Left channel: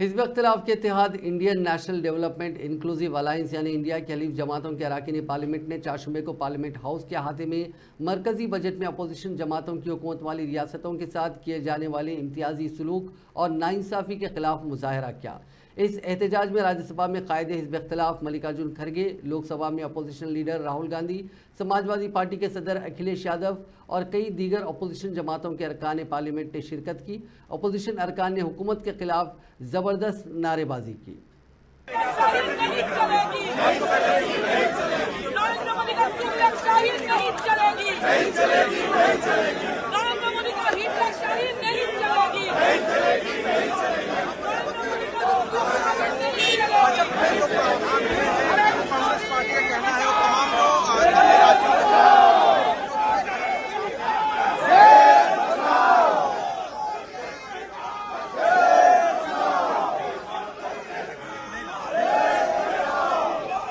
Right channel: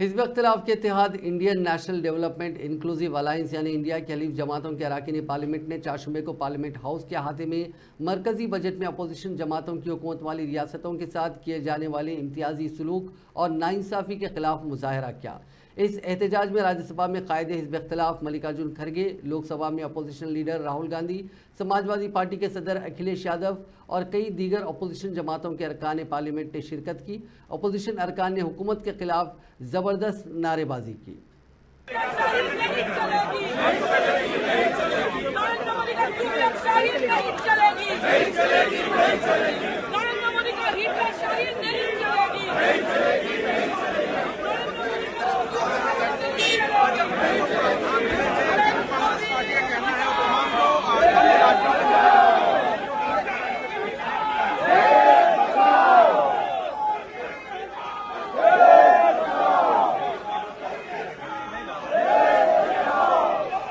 हिज़्ब इख्तिलाफ के इत्तेहाद Indian National Development Inclusive Alliance यानी इंडिया की हलीफ जमातों के अरकान पार्लियामेंट ने चारशंबे को पार्लियामेंट हाउस के अहाते में मरकजी बजट में अपोजिशन जमातों की हुकूमत वाली रियासतों के साथ किए जाने वाले इम्तियाजी सलूक और नाइंसाफ़ी के खिलाफ मुजाहरा किया। इस एहतजाज में राज्यसभा में कायदे हिज़्ब इख्तिलाफ मल्लिकार्जुन खड़गे, लोकसभा में opposition leader Rahul Gandhi, Samajwadi party के सदर अखिलेश यादव और कई दीगर अपोजिशन जमातों के अरकान पार्लियामेंट ने शिरकत की। अपोजिशन अरकान ने हुकूमत के खिलाफ ज़बरदस्त नारेबाजी की। नहीं चलेगी।